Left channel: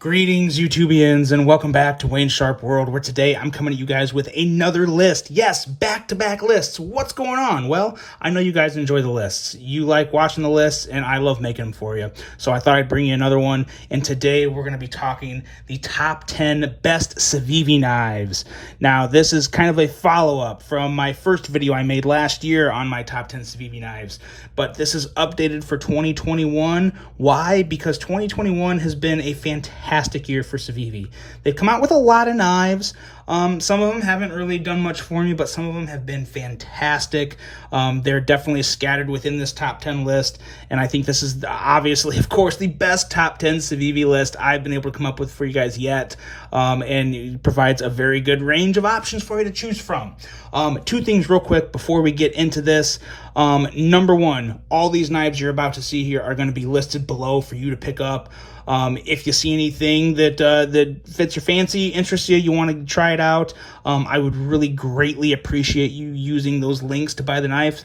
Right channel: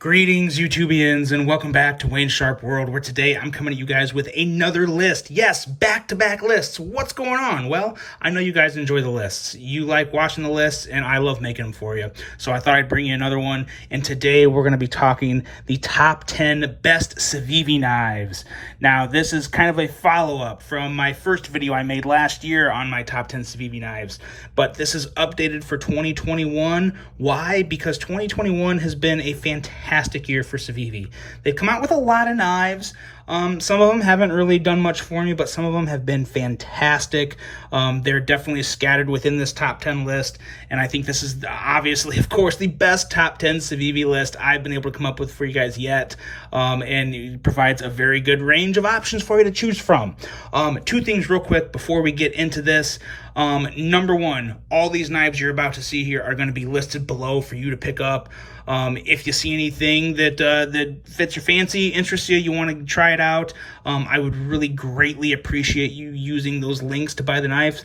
Greetings, YouTubians, and welcome back to Wayne Sharp World, where today I'm coming to you guys with another list. Yes, back-to-back lists. What's going on? Well, I know you guys enjoy the lists. You like watching the lists, and I love making them for you. So I thought I'd bring you another one, and today we're going to be talking the top 10 best Civivi knives. Now, this is kind of a follow-up from my first video I made last year on my top 10 Civivi knives, but this is updated for 2021. Why? Because 2021 has been a fantastic year for Civivi. They've come out with a lot of knives. Some of them haven't really done much for me, but some of them have been fantastic. They're definitely scattered within this top 10 list, and I think this is obviously, of course, the best top 10 Civivi list I've been able to come up with for you guys yet, and it provides a very good range of options for you to choose from. Two things real quick before we get into this. Number one, all these knives you're about to see here are going to be listed below for you to pick up. If you see anything that fits your fancy, interests you, you want to try it out, I would really greatly appreciate you using those links to buy the knives.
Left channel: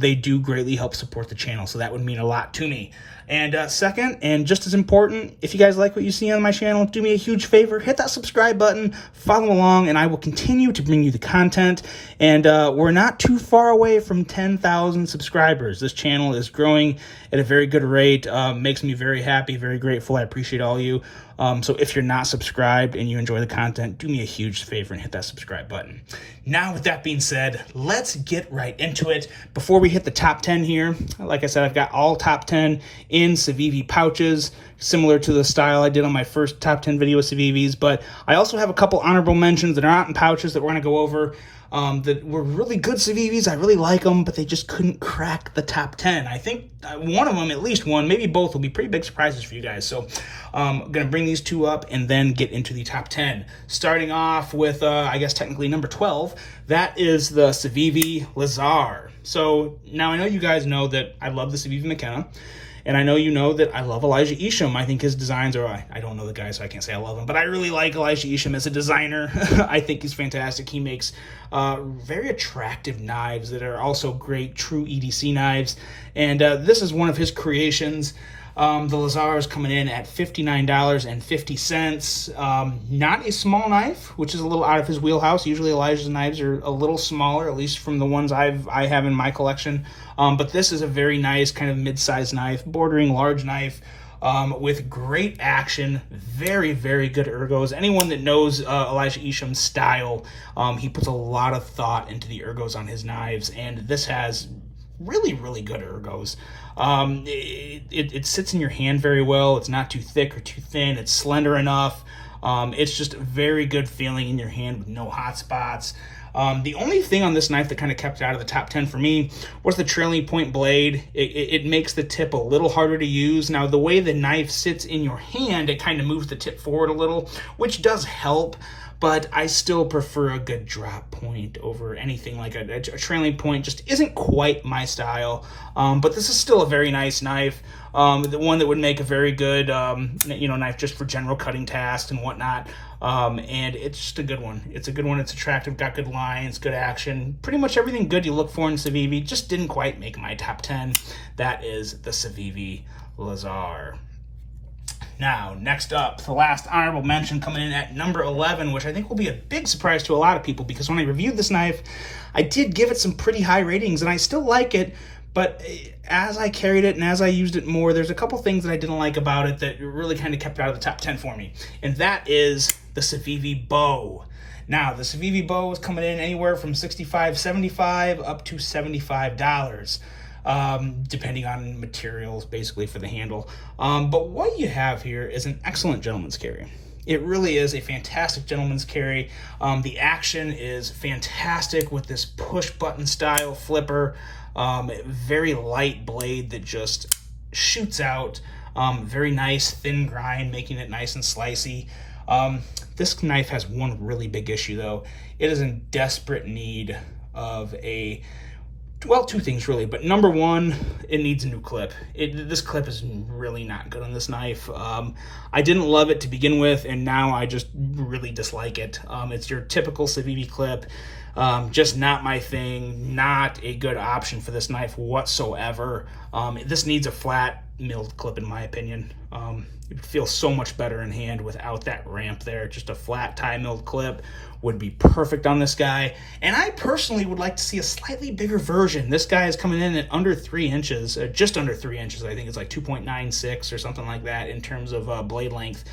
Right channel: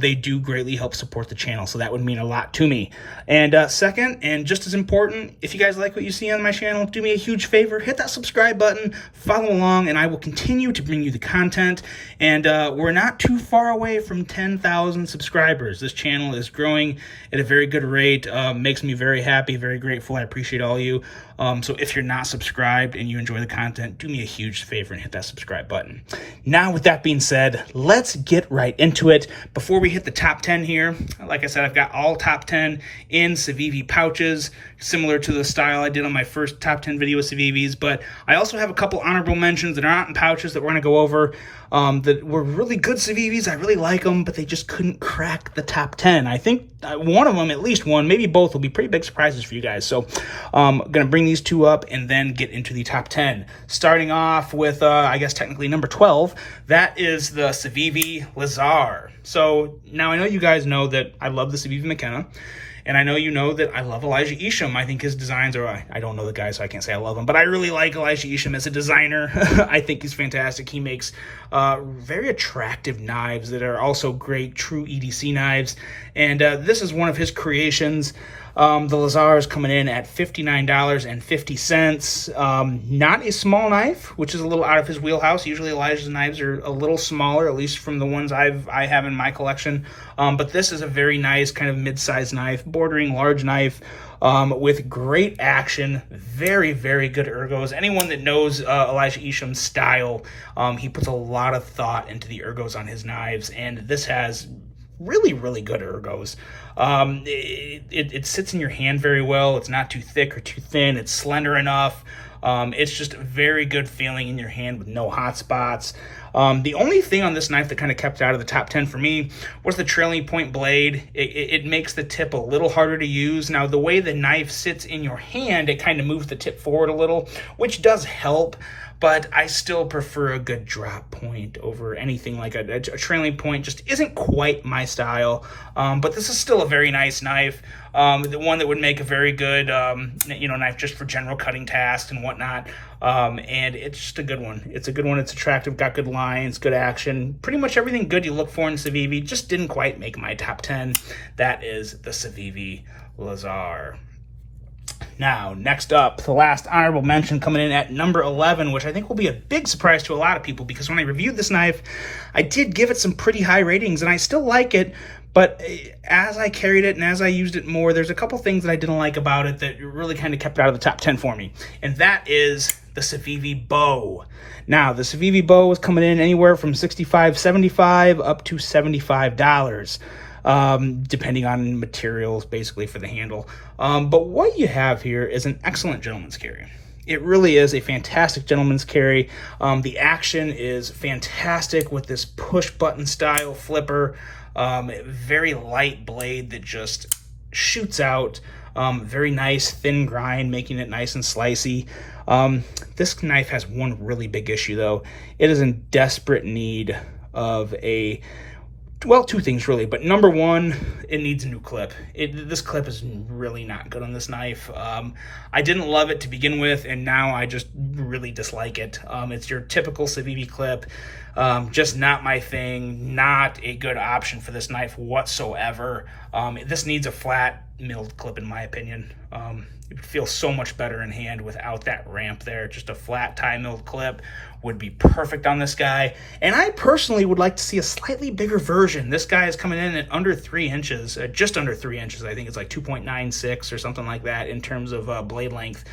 They do greatly help support the channel, so that would mean a lot to me. And second, and just as important, if you guys like what you see on my channel, do me a huge favor, hit that subscribe button, follow along, and I will continue to bring you the content. And we're not too far away from 10,000 subscribers. This channel is growing at a very good rate. Makes me very happy, very grateful. I appreciate all you. So if you're not subscribed and you enjoy the content, do me a huge favor and hit that subscribe button. Now, with that being said, let's get right into it. Before we hit the top 10 here, like I said, I've got all top 10 in Civivi pouches, similar to the style I did on my first top 10 video with Civivis, but I also have a couple honorable mentions that are not in pouches that we're going to go over that were really good Civivis. I really like them, but they just couldn't crack the top 10. I think one of them, at least one, maybe both, will be pretty big surprises for you guys. So I'm going to bring these two up and then get into the top 10. Starting off with, I guess technically number 12, that is the Civivi Lazar. So now I know you guys know that I love the Civivi McKenna. And I know you know that I love Elijah Isham. I think his designs are, I don't know the guy, so I can't say I love him, but I really like Elijah Isham as a designer. I think he's fantastic. He makes very attractive knives that are also great, true EDC knives. And this is one of his creations. The Lazar is coming in at $59.50. Not a small knife, which is a little out of his wheelhouse. Usually Elijah's knives are a little smaller, at least from the ones I have in my collection. But this is a very nice kind of mid-sized knife, bordering large knife, with great action, very, very good ergos. Anyone that knows Elijah Isham's style, he puts a lot of thought into the ergos on his knives, and this has really, really good ergos. It sits in your hand very well. It's not too thick or too thin. It's slender enough. It's just a very good feeling in your hand with no hot spots. The only thing on this knife that kind of kept out of the top 10 for me was the trailing point blade. It makes the tip a little harder to use. Now, the way the knife sits in your hand, it kind of moves the tip forward a little, which does help. But I still prefer a good drop point over anything like a trailing point. Just isn't quite my style. But this is still a very nice knife. The one that would make a very good, knife just for general cutting tasks and whatnot. And it's just a good one. It's a good one. It's attractive, got good lines, good action. Pretty much everything good you look for in Civivi. Just didn't quite make my top 10. That is the Civivi Lazar. Now, next up, the last honorable mention coming in at number 11, which I think will be a big surprise to a lot of people, because when I reviewed this knife, I did give it some pretty high ratings, and I still like it, but as I carried it and as I used it more, there's a couple things that I didn't like about it that really kind of kept it out of the top 10 for me, and that is the Civivi Bow. Now, the Civivi Bow is coming in anywhere from $65.75 up to $75. Depending on materials, basically, for the handle. But what you have here is an excellent gentleman's carry. It really is a fantastic gentleman's carry. The action is fantastic with this push-button style flipper. Very light blade that just shoots out. Very nice thin grind, making it nice and slicey. This knife has one really big issue, though. It is in desperate need of well, two things really, but number one, it needs a new clip. This clip is really not good on this knife. I didn't love it to begin with, and now I just really dislike it. It's your typical Civivi clip. Just not my thing, not a good option for this knife whatsoever. This needs a flat milled clip in my opinion. It would feel so much better in hand without that ramp there. Just a flat tie milled clip would be perfect on this guy. And I personally would like to see a slightly bigger version. This guy is coming in at under 3 inches, just under 3 inches. I think it's like 2.96 or something like that in terms of blade length.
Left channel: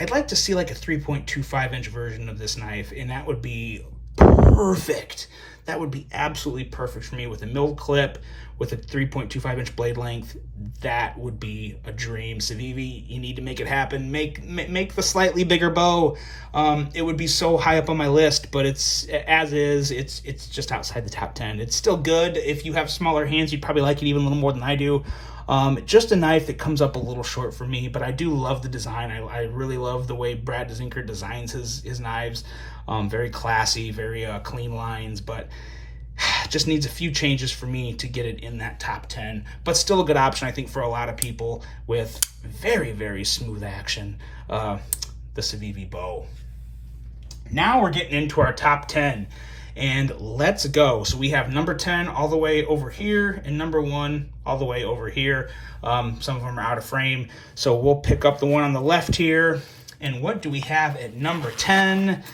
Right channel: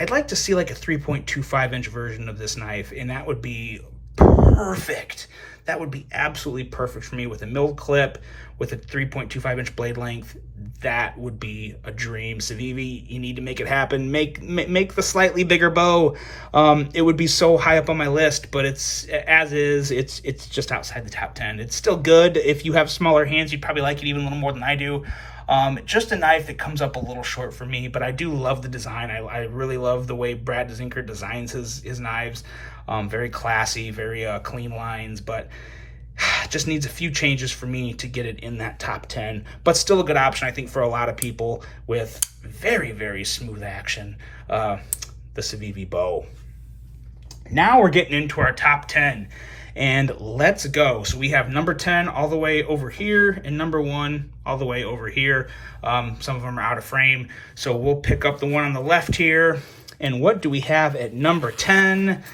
I'd like to see like a 3.25 inch version of this knife, and that would be perfect. That would be absolutely perfect for me with a milled clip, with a 3.25 inch blade length. That would be a dream. Civivi, you need to make it happen. Make the slightly bigger bow. It would be so high up on my list, but it's just outside the top 10. It's still good. If you have smaller hands, you'd probably like it even a little more than I do. Just a knife that comes up a little short for me, but I do love the design. I really love the way Brad Zinker designs his knives. Very classy, very clean lines, but just needs a few changes for me to get it in that top 10, but still a good option, I think, for a lot of people with very, very smooth action, the Civivi bow. Now we're getting into our top 10, and let's go. So we have number 10 all the way over here and number 1 all the way over here. Some of them are out of frame, so we'll pick up the one on the left here. And what do we have at number 10?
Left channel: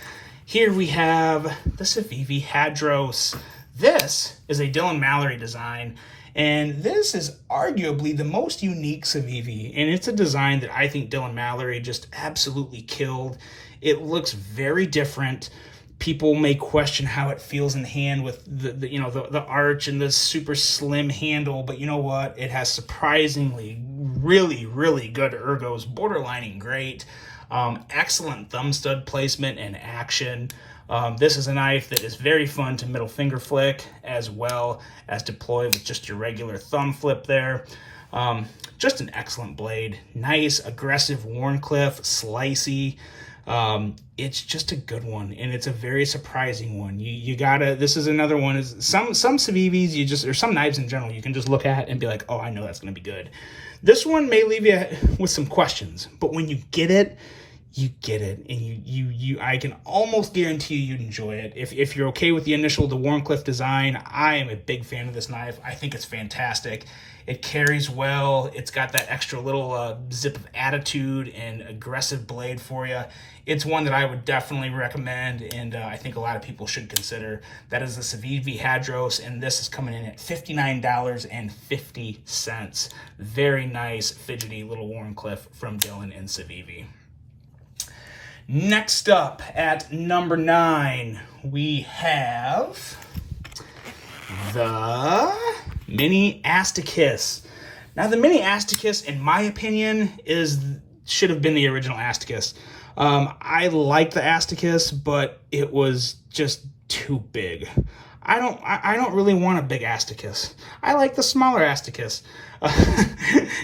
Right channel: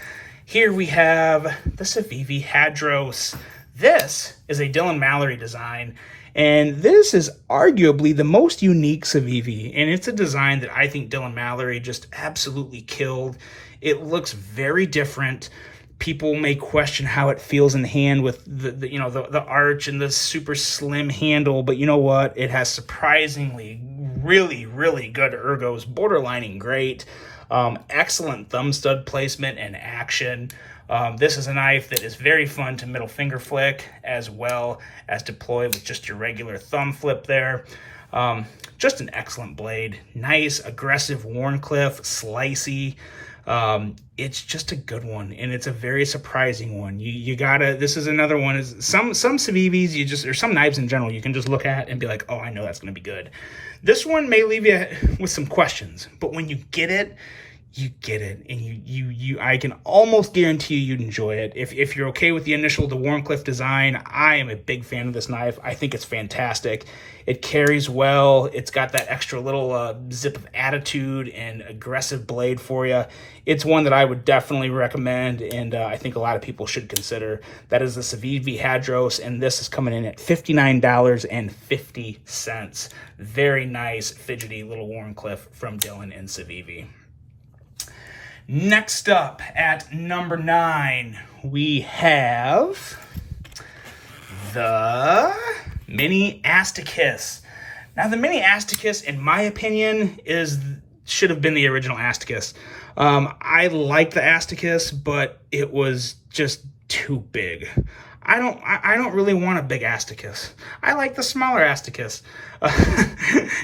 Here we have the Civivi Hadros. This is a Dylan Mallory design, and this is arguably the most unique Civivi, and it's a design that I think Dylan Mallory just absolutely killed. It looks very different. People may question how it feels in the hand with the arch and the super slim handle, but you know what? It has surprisingly really, really good ergos, borderlining great. Excellent thumb stud placement and action. This is a knife that is very fun to middle finger flick as well as deploy with just your regular thumb flip there. Just an excellent blade. Nice, aggressive Warncliffe, slicey. It's just a good one, and it's a very surprising one. You gotta, this is another one, is some Civivis, or some knives in general, you can just look at and be like, oh, I know that's gonna be good. This one may leave you with some questions, but when you get it, you get it, and I can almost guarantee you'd enjoy it. If you're okay with the Warncliffe design, I am a big fan of this knife. I think it's fantastic. It carries well. It's got that extra little zip of attitude and aggressive blade for you. It's one that I would definitely recommend, and I think a lot of people should consider. That is the Civivi Hadros, and this is coming in at $59.50. Very nice, fidgety little Warncliffe from Dylan and Civivi. Next up at number 9, we have the Mini Asticus. Now, the Mini Asticus, in my opinion, should have been the original Asticus. I like the Asticus, but it was just too big. I don't really want a big Asticus. I like the smaller Asticus.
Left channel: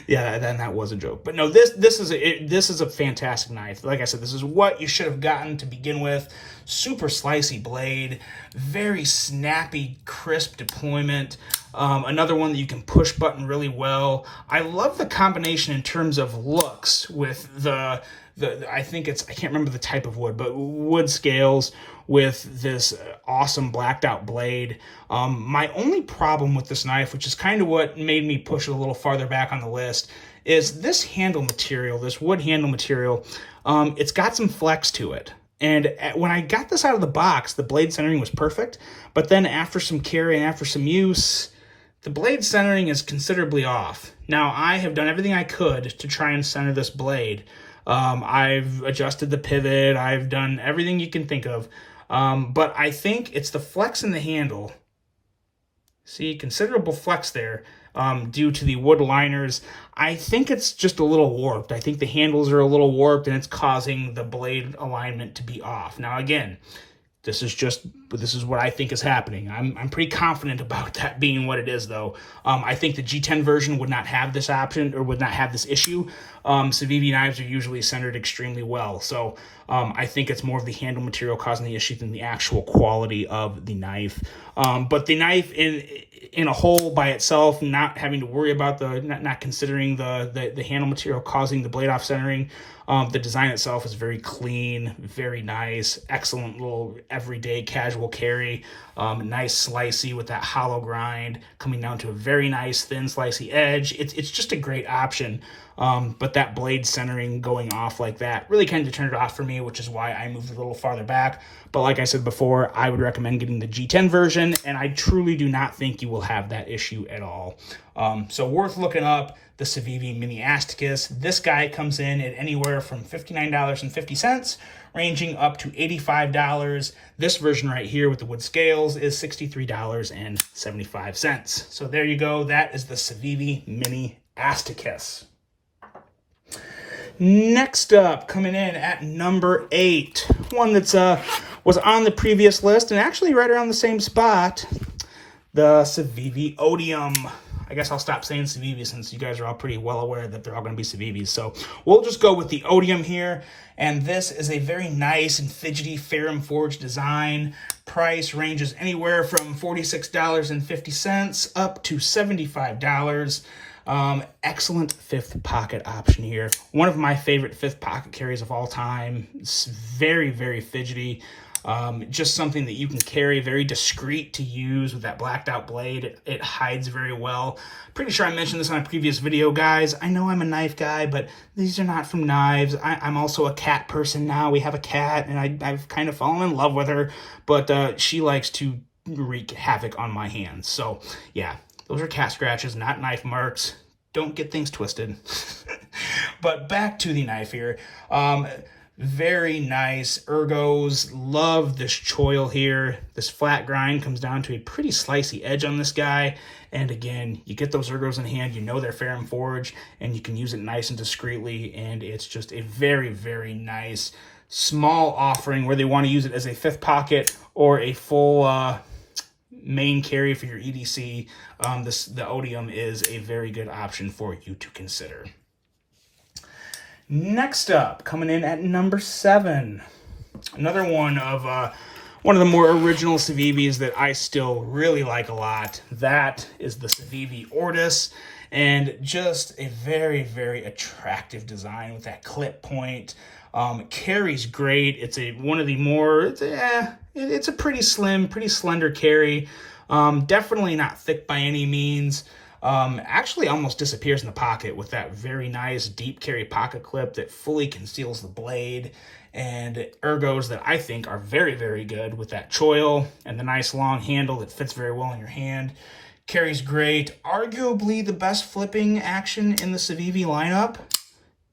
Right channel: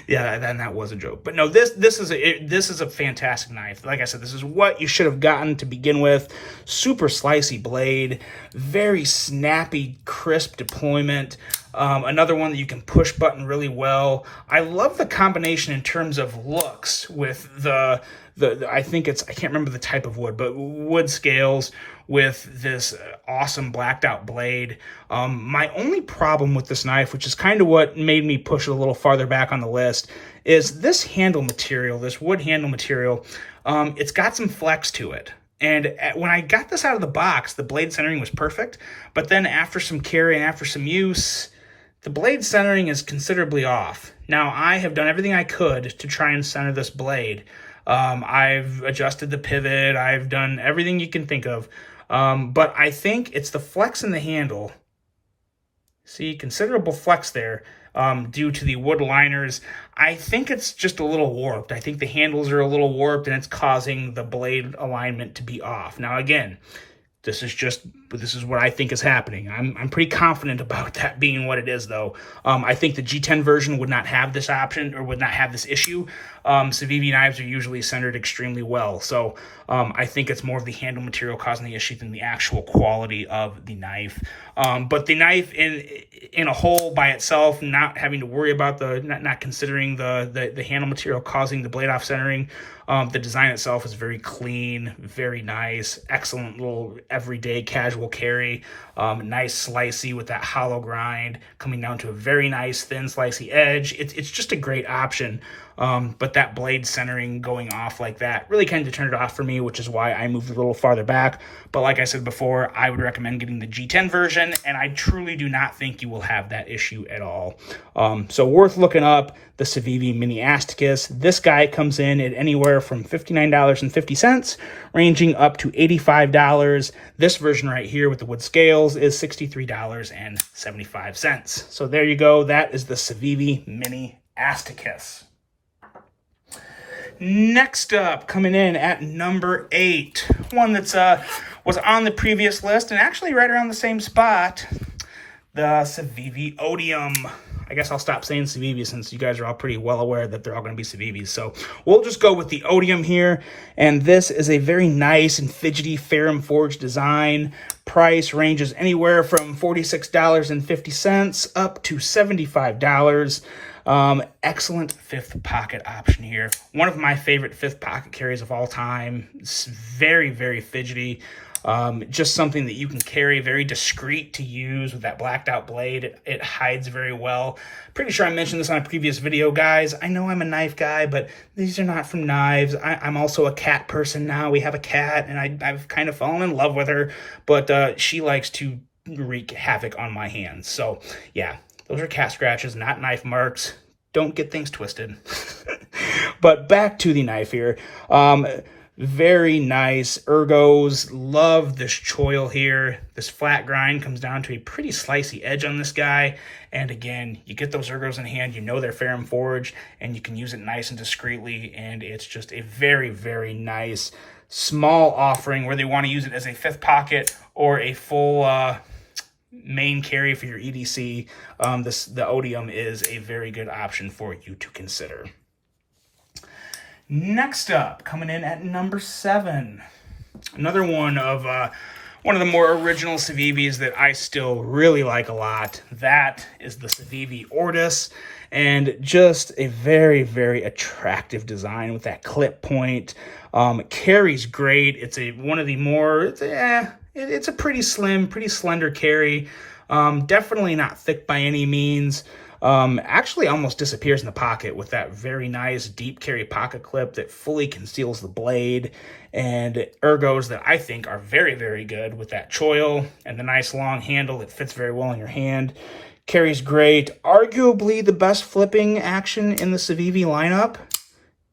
Yeah, then that was a joke. But no, this is a fantastic knife. Like I said, this is what you should have gotten to begin with. Super slicey blade, very snappy, crisp deployment. Another one that you can push button really well. I love the combination in terms of looks with the I can't remember the type of wood, but wood scales with this awesome blacked out blade. My only problem with this knife, which is kind of what made me push it a little farther back on the list, is this handle material, this wood handle material. It's got some flex to it. And when I got this out of the box, the blade centering was perfect. But then after some carry and after some use, the blade centering is considerably off. Now, I have done everything I could to try and center this blade. I've adjusted the pivot. I've done everything you can think of. But I think it's the flex in the handle. See, considerable flex there due to the wood liners. I think it's just a little warped. I think the handles are a little warped, and it's causing the blade alignment to be off. Now, again, this is what I think is happening. I'm pretty confident about that being what it is, though. I think the G10 version would not have this option, or would not have this issue. Civivi knives are usually centered extremely well. So I think it's more of the handle material causing the issue than the actual quality of the knife. But the knife in a whole by itself, not having to worry about not considering the handle material causing the blade off centering, the design itself is very clean, very nice, excellent little everyday casual carry. Nice slicey with that hollow grind coming down to a very nice thin slicey edge. It's just a great option. But that blade centering going off like that really kind of turned it off for me, which is why I moved a little farther back. But like I said before, I would recommend getting the G10 version, and I truly do not think you will have that issue at all. So worth looking up, the Civivi Mini Asticus. This guy comes in at anywhere from $59.50, ranging up to $85. This version right here with the wood scales is $63.75. So there you go. That is the Civivi Mini Asticus. Next up, coming in at number 8, one that's was on the previous list and actually right around the same spot, the Civivi Odium. I guess I'll stop saying Civivi since you guys are all pretty well aware that they're all going to be Civivis. So we'll just go with the Odium here. And this is a very nice and fidgety ferrum forged design. Price ranges anywhere from $46.50 up to $75. Excellent fifth pocket option here. One of my favorite fifth pocket carries of all time. It's very, very fidgety. Just something that you can carry, very discreet to use with that blacked out blade. It hides very well. Pretty sure I mentioned this on a previous video, guys. I know I'm a knife guy, but these are not from knives. I'm also a cat person now. We have a cat, and I've kind of fallen in love with her, but she likes to wreak havoc on my hands. So yeah, those are cat scratches, not knife marks. Don't get things twisted. But back to the knife here. Very nice ergos. Love this choil here. This flat grind comes down to a pretty slicey edge on this guy. And again, you get those ergos in hand, you know they're ferrum forged, and you can use it nice and discreetly. And it's just a very, very nice small offering, whether you want to use it as a fifth pocket or a full main carry for your EDC. The Odium is a very good option for you to consider. Next up, coming in at number 7, another one of the more original Civivis that I still really like a lot. That is the Civivi Ortis, and just a very, very attractive design with that clip point. It carries great. It's one of the more, it's a pretty slim, pretty slender carry. Definitely not thick by any means. Actually almost disappears in the pocket with that very nice deep carry pocket clip that fully conceals the blade, and ergos that I think are very, very good with that choil and the nice long handle that fits very well in your hand. Carries great. Arguably the best flipping action in the Civivi lineup.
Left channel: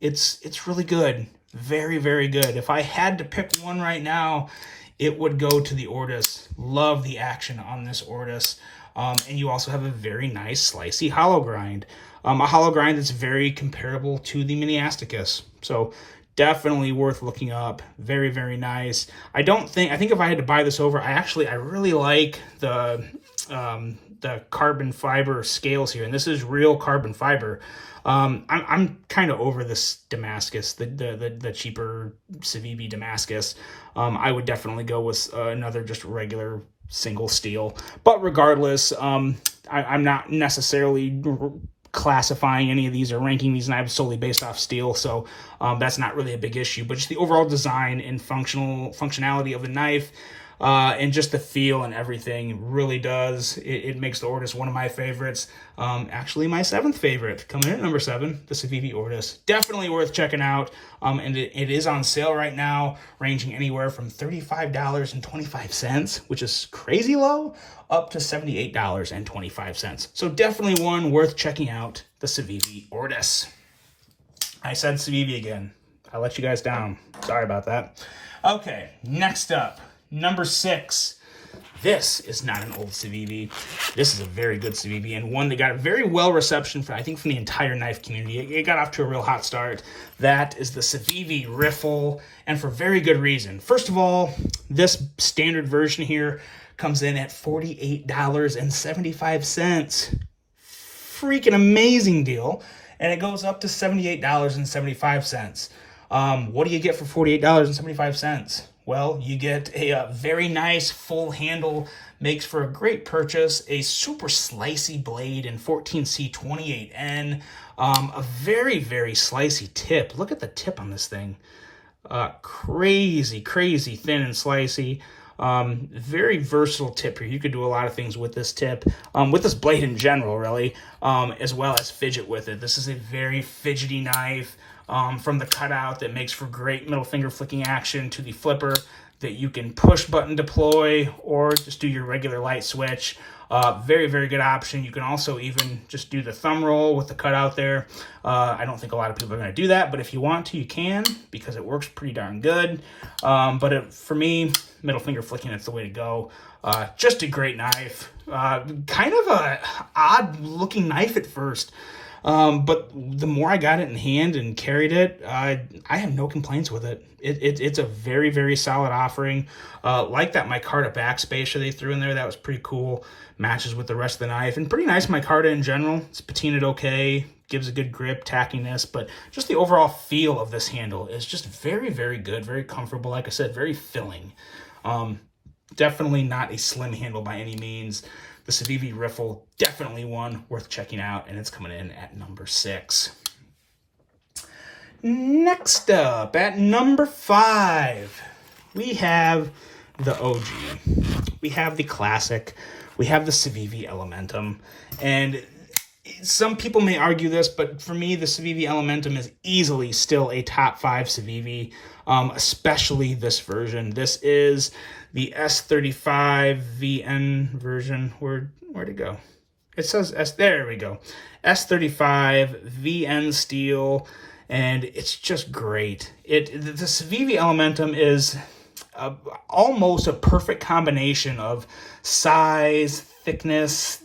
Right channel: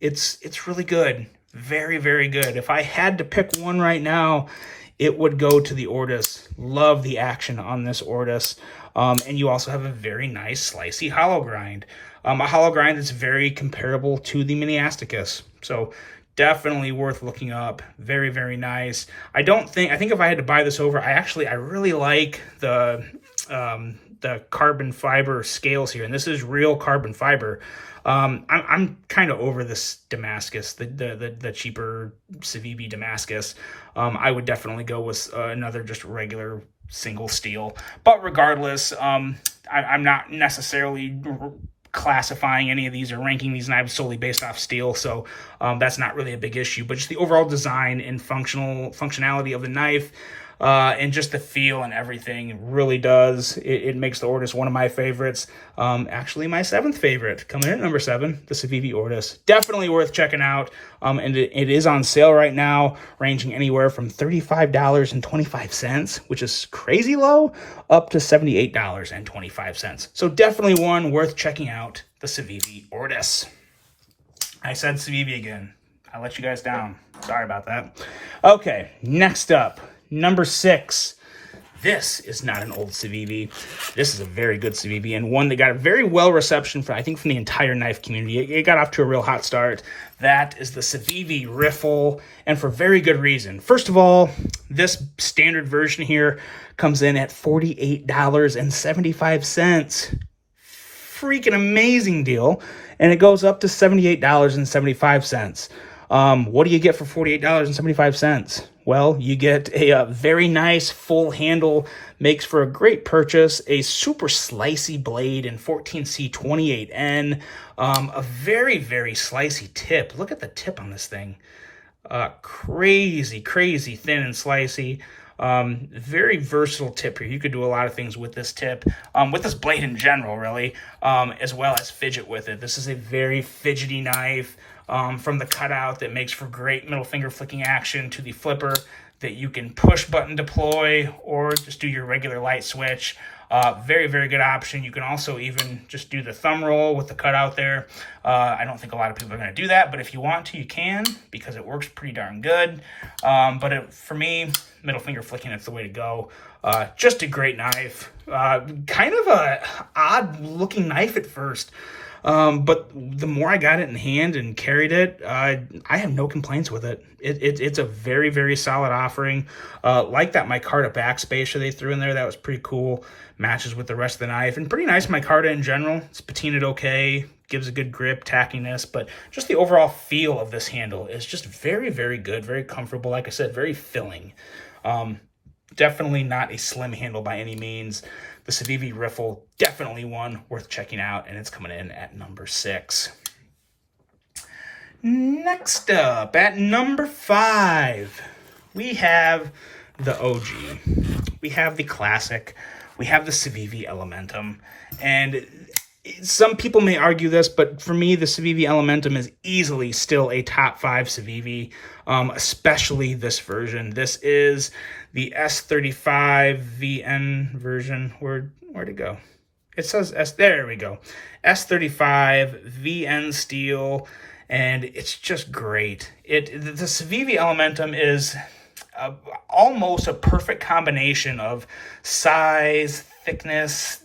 It's really good. Very, very good. If I had to pick one right now, it would go to the Ortis. Love the action on this Ortis. And you also have a very nice slicey hollow grind. A hollow grind that's very comparable to the Mini Asticus. So definitely worth looking up. Very, very nice. I think if I had to buy this over, I really like the carbon fiber scales here. And this is real carbon fiber. I'm kind of over this Damascus, the cheaper Civivi Damascus. I would definitely go with another just regular single steel. But regardless, I'm not necessarily classifying any of these or ranking these knives solely based off steel, so that's not really a big issue. But just the overall design and functionality of the knife, and just the feel and everything really does. It makes the Ortis one of my favorites. Actually, my 7th favorite, coming in at number 7, the Civivi Ortis. Definitely worth checking out. And it is on sale right now, ranging anywhere from $35.25, which is crazy low, up to $78.25. So definitely one worth checking out, the Civivi Ortis. I said Civivi again. I let you guys down. Sorry about that. Okay, next up. Number 6, this is not an old Civivi. This is a very good Civivi, and one that got a very well reception from the entire knife community. It got off to a real hot start. That is the Civivi Riffle, and for very good reason. First of all, this standard version here comes in at $48.75. Freaking amazing deal. and it goes up to $78.75. What do you get for $48.75? Well, you get a very nice full handle, makes for a great purchase, a super slicey blade in 14C28N, a very, very slicey tip. Look at the tip on this thing. Crazy thin and slicey. Very versatile tip here. You could do a lot of things with this tip, with this blade in general, really, as well as fidget with it. This is a very fidgety knife, from the cutout that makes for great middle finger flicking action to the flipper that you can push button deploy or just do your regular light switch. Very good option. You can also even just do the thumb roll with the cutout there. I don't think a lot of people are going to do that, but if you want to, you can, because it works pretty darn good. For me, middle finger flicking, it's the way to go. Just a great knife. Kind of a odd looking knife at first. But the more I got it in hand and carried it, I have no complaints with it. It's a very solid offering. Like that micarta backspacer they threw in there, that was pretty cool. Matches with the rest of the knife, and pretty nice micarta in general. It's patinaed okay, gives a good grip, tackiness, but just the overall feel of this handle is just very good, very comfortable. Like I said, very filling. Definitely not a slim handle by any means. The Civivi Riffle, definitely one worth checking out, and it's coming in at number 6. Next up, at number 5, we have the OG. We have the classic. We have the Civivi Elementum. And some people may argue this, but for me, the Civivi Elementum is easily still a top 5 Civivi, especially this version. This is the S35 VN version. Where'd it go? It says there we go. S35 VN steel, and it's just great. The Civivi Elementum is almost a perfect combination of size, thickness,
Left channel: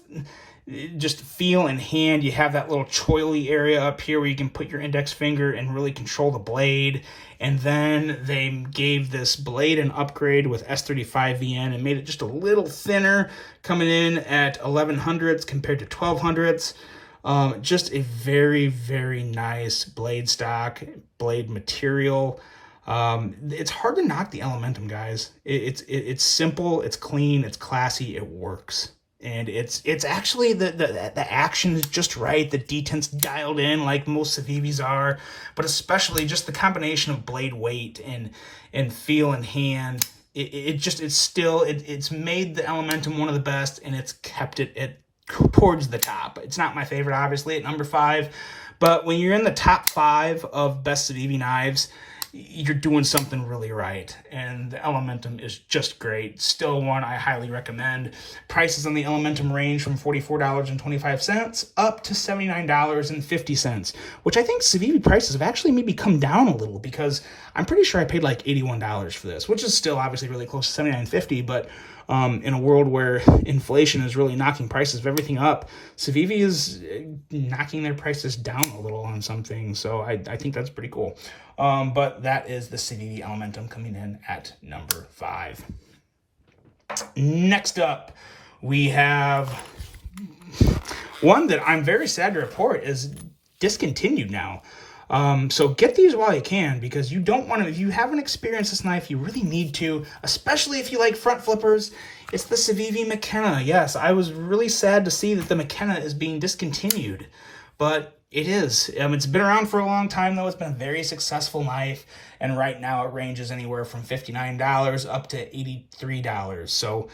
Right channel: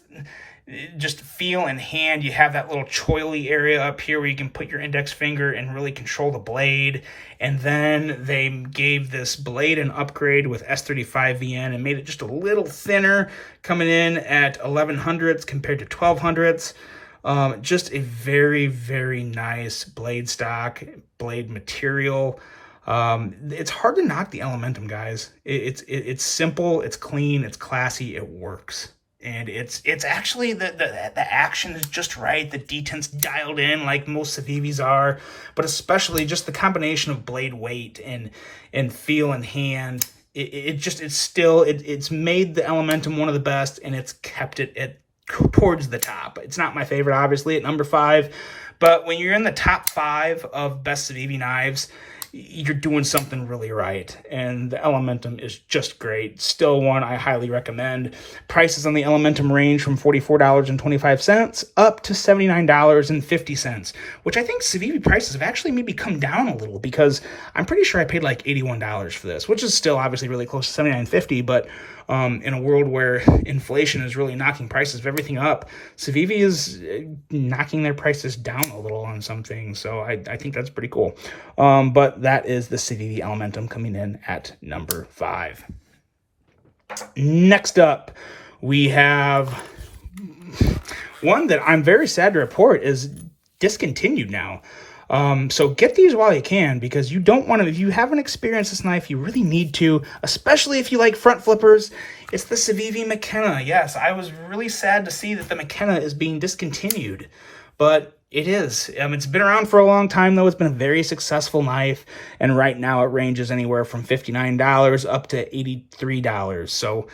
just feel in hand. You have that little choily area up here where you can put your index finger and really control the blade. And then they gave this blade an upgrade with S35 VN and made it just a little thinner, coming in at 1100ths compared to 1200ths. Just a very nice blade stock, blade material. It's hard to knock the Elementum, guys. It's simple, it's clean, it's classy, it works. And it's actually the action is just right. The detent's dialed in like most Civivis are, but especially just the combination of blade weight and feel in hand. It's made the Elementum one of the best, and it's kept it towards the top. It's not my favorite, obviously, at number 5, but when you're in the top 5 of best Civivi knives, you're doing something really right, and the Elementum is just great. Still one I highly recommend. Prices on the Elementum range from $44.25 up to $79.50, which I think Civivi prices have actually maybe come down a little, because I'm pretty sure I paid like $81 for this, which is still obviously really close to $79.50, but in a world where inflation is really knocking prices of everything up, Civivi is knocking their prices down a little on some things, so I think that's pretty cool. But that is the Civivi Elementum coming in at number 5. Next up, we have one that I'm very sad to report is discontinued now. So get these while you can, because you don't want to, if you haven't experienced this knife, you really need to, especially if you like front flippers. It's the Civivi McKenna. Yes, I was really sad to see that the McKenna is being discontinued, but it is. It's been around for a long time, though. It's been a very successful knife, and right now it ranges anywhere from $59 up to $83. So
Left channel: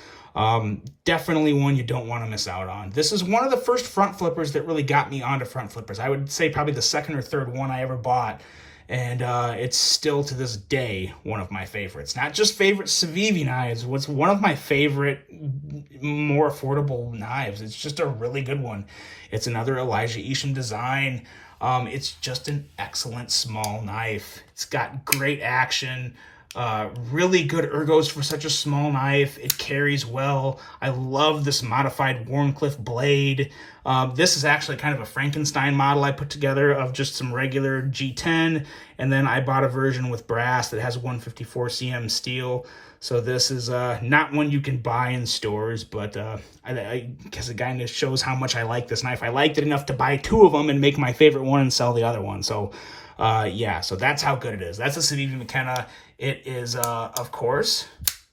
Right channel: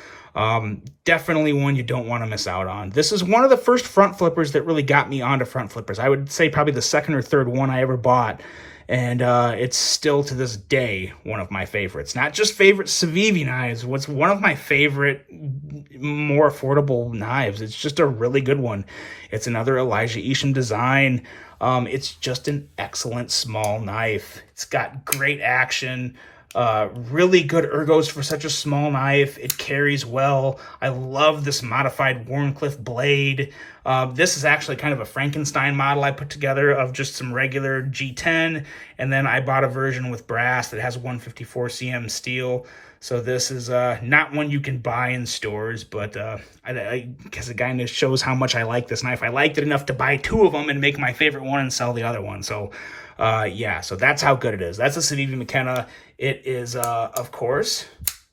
definitely one you don't want to miss out on. This is one of the first front flippers that really got me onto front flippers. I would say probably the second or third one I ever bought, and it's still to this day one of my favorites. Not just favorite Civivi knives, what's one of my favorite, more affordable knives. It's just a really good one. It's another Elijah Isham design. It's just an excellent small knife. It's got great action. Really good ergos for such a small knife. It carries well. I love this modified Wharncliffe blade. This is actually kind of a Frankenstein model I put together of just some regular G10, and then I bought a version with brass that has 154 cm steel. So this is not one you can buy in stores, but I guess it kind of shows how much I like this knife. I liked it enough to buy two of them and make my favorite one and sell the other one. So yeah, so that's how good it is. That's a Civivi McKenna. It is, of course,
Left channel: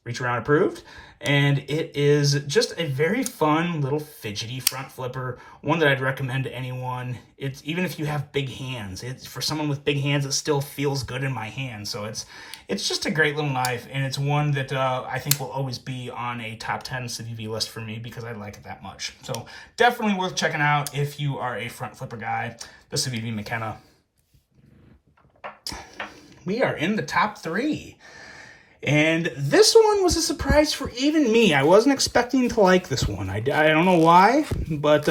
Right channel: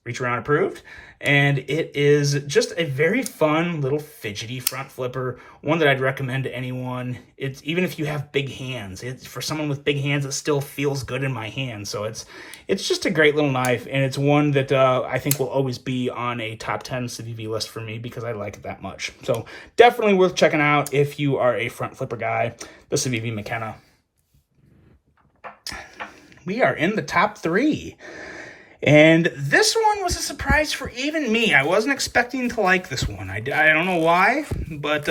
reach around approved. And it is just a very fun little fidgety front flipper, one that I'd recommend to anyone. It's even if you have big hands, it's for someone with big hands, it still feels good in my hand. So it's just a great little knife, and it's one that I think will always be on a top 10 Civivi list for me because I like it that much. So definitely worth checking out if you are a front flipper guy, the Civivi McKenna. We are in the top 3. And this one was a surprise for even me. I wasn't expecting to like this one. I don't know why, but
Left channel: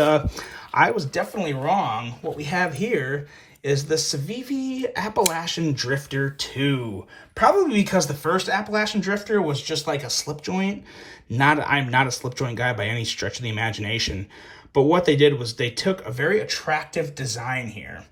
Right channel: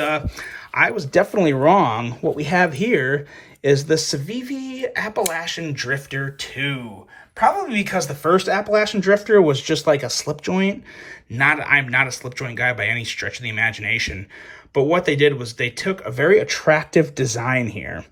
I was definitely wrong. What we have here is the Civivi Appalachian Drifter 2. Probably because the first Appalachian Drifter was just like a slip joint. I'm not a slip joint guy by any stretch of the imagination. But what they did was they took a very attractive design here,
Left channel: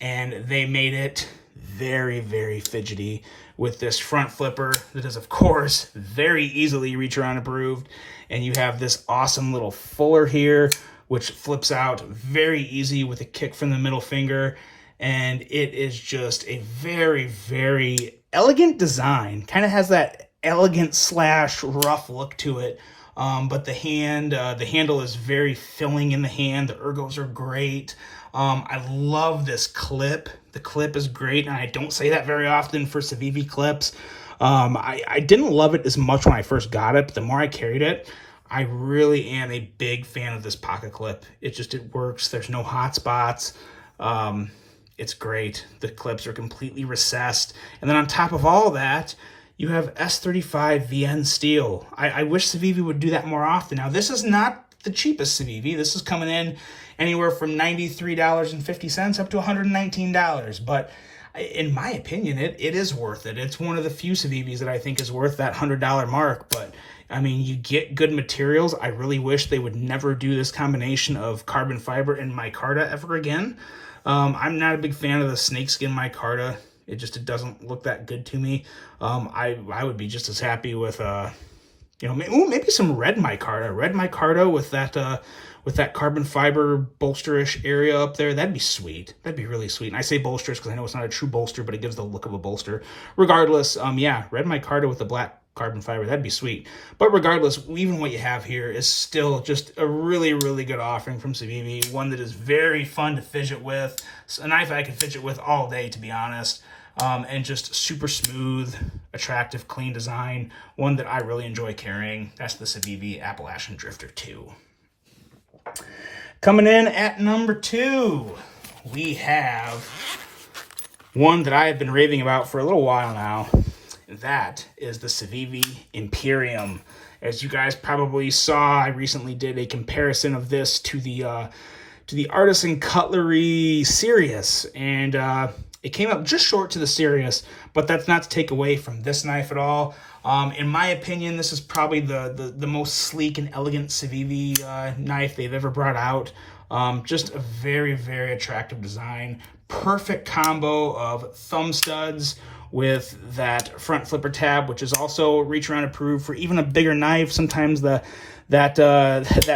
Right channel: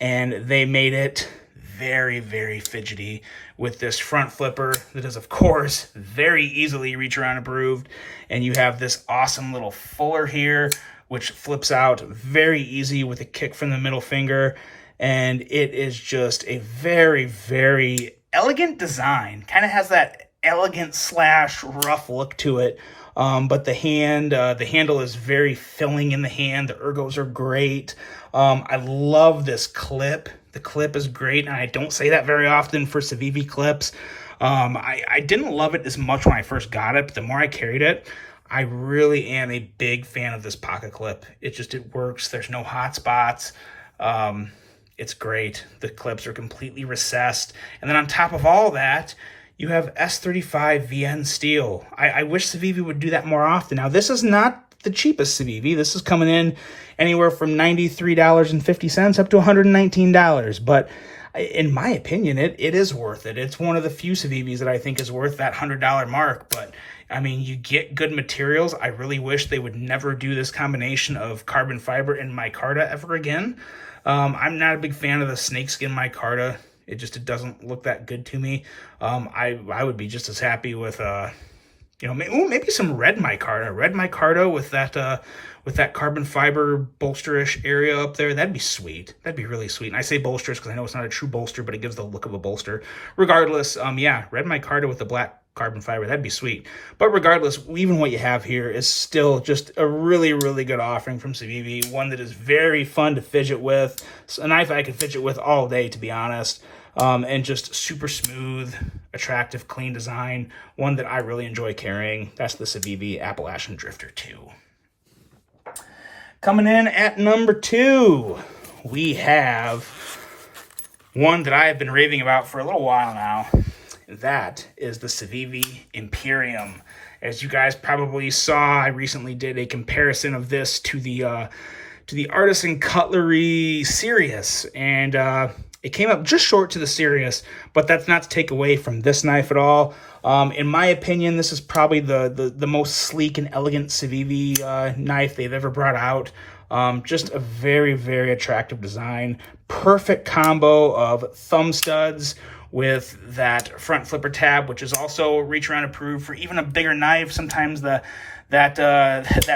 and they made it very, very fidgety with this front flipper that is, of course, very easily reach around approved. And you have this awesome little fuller here, which flips out very easy with a kick from the middle finger. And it is just a very, very elegant design. Kind of has that elegant / rough look to it. But the handle is very filling in the hand. The ergos are great. I love this clip. The clip is great, and I don't say that very often for Civivi clips. I didn't love it as much when I first got it, but the more I carried it, I really am a big fan of this pocket clip. It works. There's no hot spots. It's great. The clips are completely recessed. And then on top of all that, you have S35 VN steel. I wish Civivi would do that more often. Now, this is not the cheapest Civivi. This is coming in anywhere from $93.50 up to $119. But in my opinion, it is worth it. It's one of the few Civivis that I think is worth that $100 mark. But I mean, you get good materials. I really wish they would never do this combination of carbon fiber and micarta ever again. I'm not a big fan of the snakeskin micarta. It doesn't look that good to me. I would be just as happy with maybe some red micarta with that carbon fiber bolsterish area up there. That'd be sweet. That'd be really sweet. And I say bolsters because I know it's not a true bolster, but it gives the look of a bolster. Regardless, yeah, red micarta with the black carbon fiber, that'd be sweet. But regardless, even what you have here is still just a really, really good offering from Civivi. One that is very fun to fidget with. It's a knife I could fidget with all day, to be honest. And just super smooth, attractive, clean design. One that I really enjoy carrying. That's the Civivi Appalachian Drifter 2. Coming in at number 2, we have one that I have been raving about for a little while now. That is the Civivi Imperium. As you guys probably saw, I recently did a comparison of this to the Artisan Cutlery Sirius, and it came up just short to the Sirius, but that's not to take away from this knife at all. In my opinion, this is probably the most sleek and elegant Civivi knife they've ever brought out. Just a very, very attractive design. Perfect combo of thumb studs with that front flipper tab, which is also reach around approved for even a bigger knife. Sometimes that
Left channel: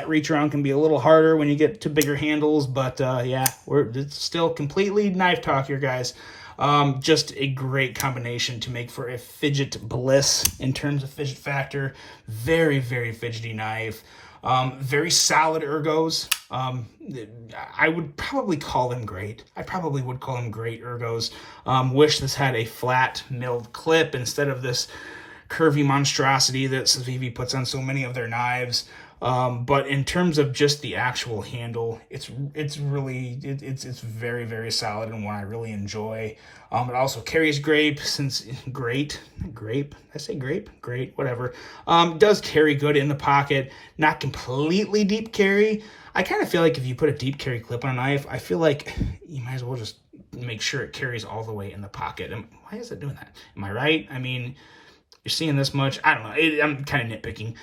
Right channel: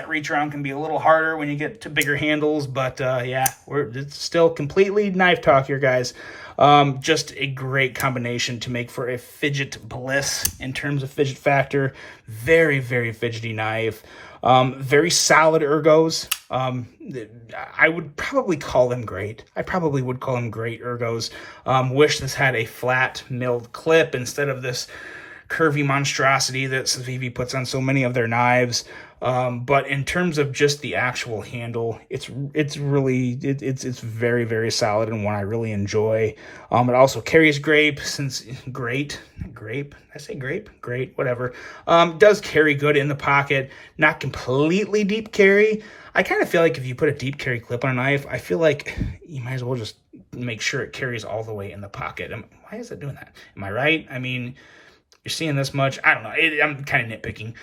reach around can be a little harder when you get to bigger handles, but yeah, it's still completely knife talk here, guys. Just a great combination to make for a fidget bliss in terms of fidget factor. Very, very fidgety knife. Very solid ergos. I would probably call them great. I probably would call them great ergos. Wish this had a flat milled clip instead of this curvy monstrosity that Civivi puts on so many of their knives. But in terms of just the actual handle, it's very, very solid and one I really enjoy. It also carries grape, whatever. Does carry good in the pocket, not completely deep carry. I kind of feel like if you put a deep carry clip on a knife, I feel like you might as well just make sure it carries all the way in the pocket. Why is it doing that? Am I right? I mean, you're seeing this much. I don't know. I'm kind of nitpicking.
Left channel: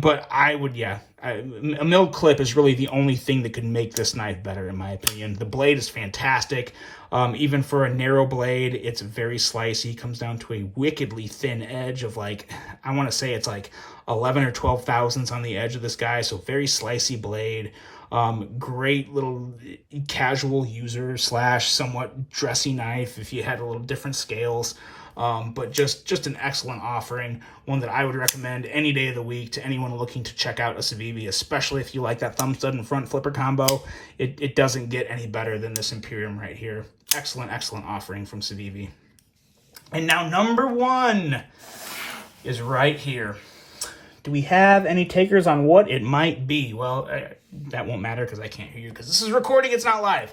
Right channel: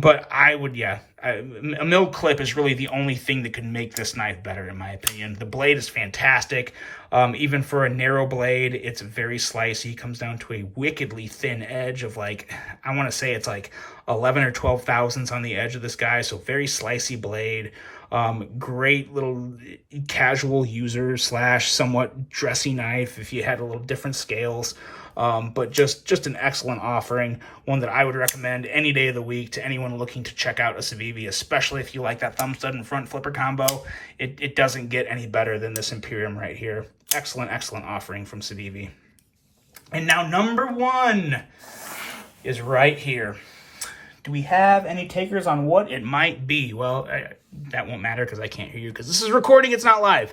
But I would, yeah. A milled clip is really the only thing that could make this knife better, in my opinion. The blade is fantastic. Even for a narrow blade, it's very slicey. Comes down to a wickedly thin edge of like, I want to say it's like 11 or 12 thousandths on the edge of this guy. So very slicey blade. Great little casual user / somewhat dressy knife if you had a little different scales. But just an excellent offering, one that I would recommend any day of the week to anyone looking to check out a Civivi, especially if you like that thumb stud and front flipper combo. It doesn't get any better than this Imperium right here. Excellent, excellent offering from Civivi. And now number one is right here. Do we have any takers on what it might be? Well, that won't matter because I can't hear you because this is recording, it's not live.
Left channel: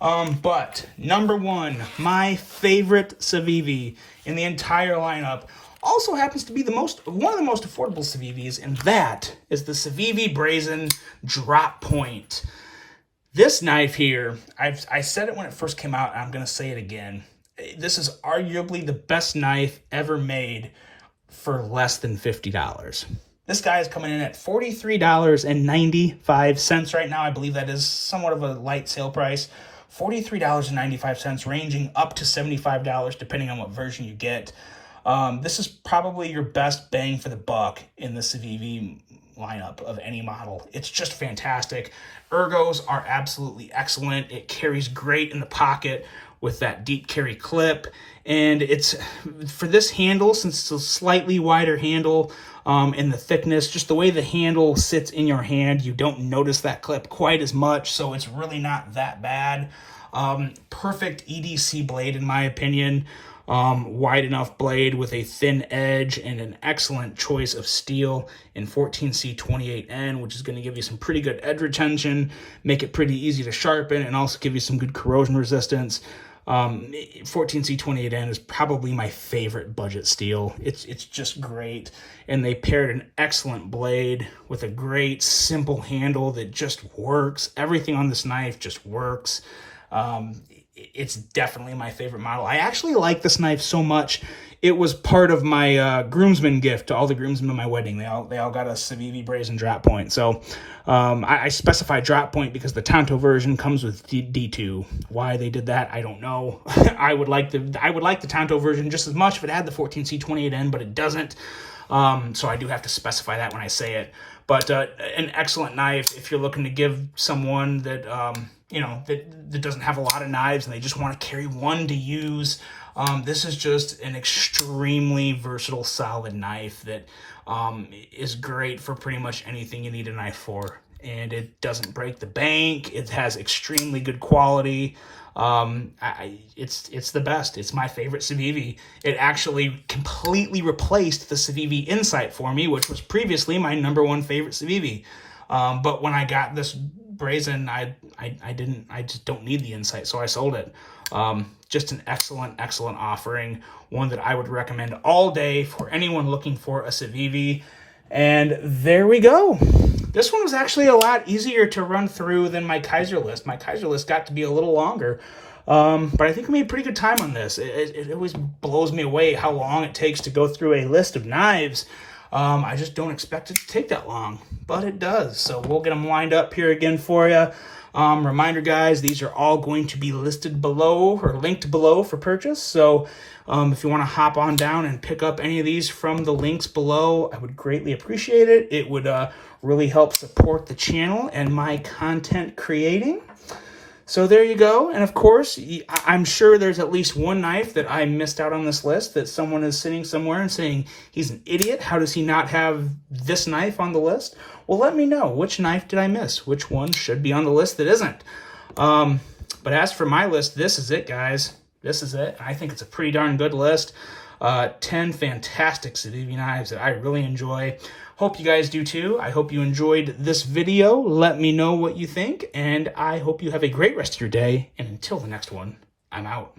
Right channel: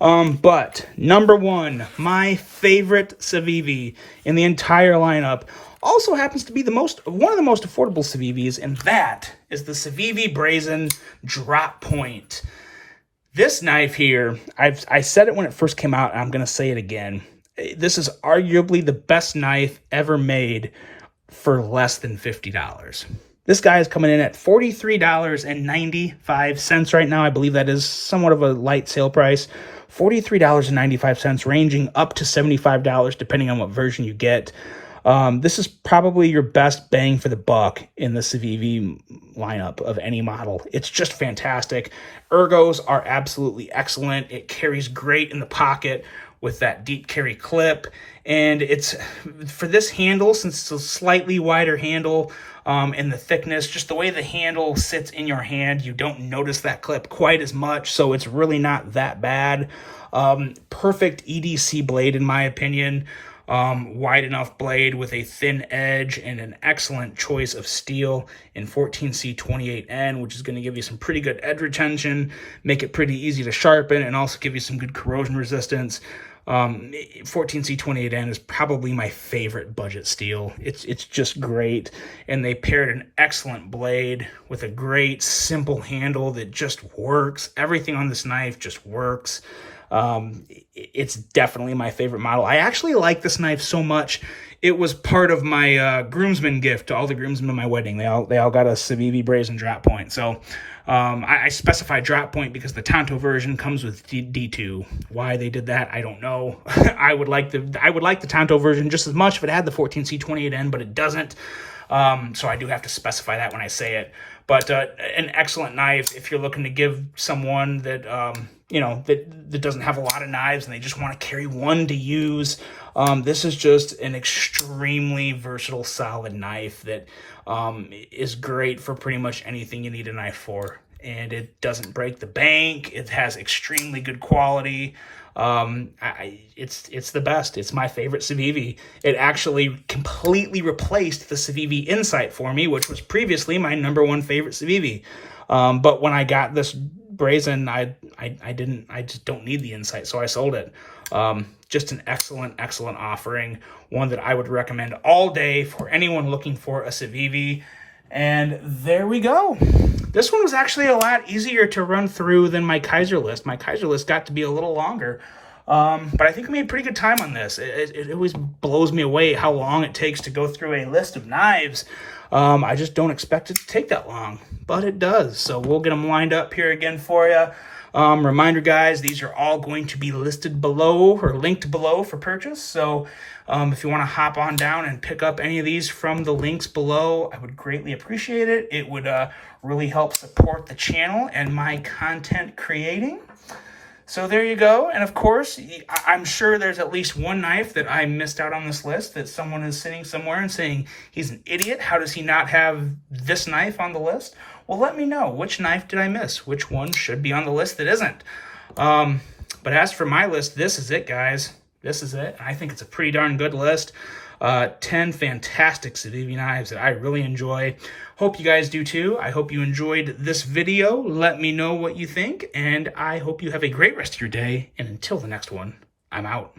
But number one, my favorite Civivi in the entire lineup, also happens to be one of the most affordable Civivis, and that is the Civivi Brazen Drop Point. This knife here, I said it when it first came out, and I'm going to say it again. This is arguably the best knife ever made for less than $50. This guy is coming in at $43.95 right now. I believe that is somewhat of a light sale price. $43.95, ranging up to $75, depending on what version you get. This is probably your best bang for the buck in the Civivi lineup of any model. It's just fantastic. Ergos are absolutely excellent. It carries great in the pocket with that deep carry clip. And it's, for this handle, since it's a slightly wider handle, and the thickness, just the way the handle sits in your hand, you don't notice that clip quite as much, so it's really not that bad. Perfect EDC blade, in my opinion. Wide enough blade with a thin edge and an excellent choice of steel in 14C28N, which is going to give you some pretty good edge retention, make it pretty easy to sharpen, and also give you some good corrosion resistance. 14C28N is probably my favorite budget steel. It's just great, and they paired an excellent blade with a great simple handle that just works. Everything on this knife just works. It's definitely my favorite model. I actually like this knife so much, it was part of my groomsmen gift to all the groomsmen at my wedding. They all got a Civivi Brazen Drop Point. So I specify Drop Point because the Tanto version comes with D2. Why they did that, I don't know. I would like the Tanto version just as much if it had the 14C28N, but it doesn't. So I do have to specify that when I say it. But an excellent knife if you're looking to give someone that that doesn't have a lot of knives and they just want to carry one to use. This is just an extremely versatile, solid knife that is great for pretty much anything you need a knife for. And it doesn't break the bank. It has extremely good quality. It's the best. It's my favorite Civivi. It actually completely replaced the Civivi Insight for me, which was previously my #1 favorite Civivi. But when I got this Brazen, I just don't need the Insight, so I sold it. Just an excellent offering, one that I would recommend all day for anyone looking for a Civivi. And there we go. This one was actually a lot easier to run through than my Kaiser list. My Kaiser list got to be a little longer, but I think I made pretty good time on this. It always blows me away how long it takes to go through a list of knives. I just don't expect it to take that long, but it does. So we'll get them lined up here again for you. Reminder, guys, these are all going to be listed below or linked below for purchase. So if you want to hop on down and pick up any of these from the links below, I would greatly appreciate it. It would really help support the channel and my content creating. So there you go. And of course, I'm sure there's at least one knife that I missed out on this list that someone is sitting somewhere and saying, he's an idiot. How does he not have this knife on the list? Well, let me know. Which knife did I miss? Which one should be on the list that isn't? But as for my list, this is it, guys. This is it. I think it's a pretty darn good list. 10 fantastic Civivi knives that I really enjoy. Hope you guys do too. I hope you enjoyed this video. Let me know what you think, and I hope you have a great rest of your day. And until the next one, I'm out.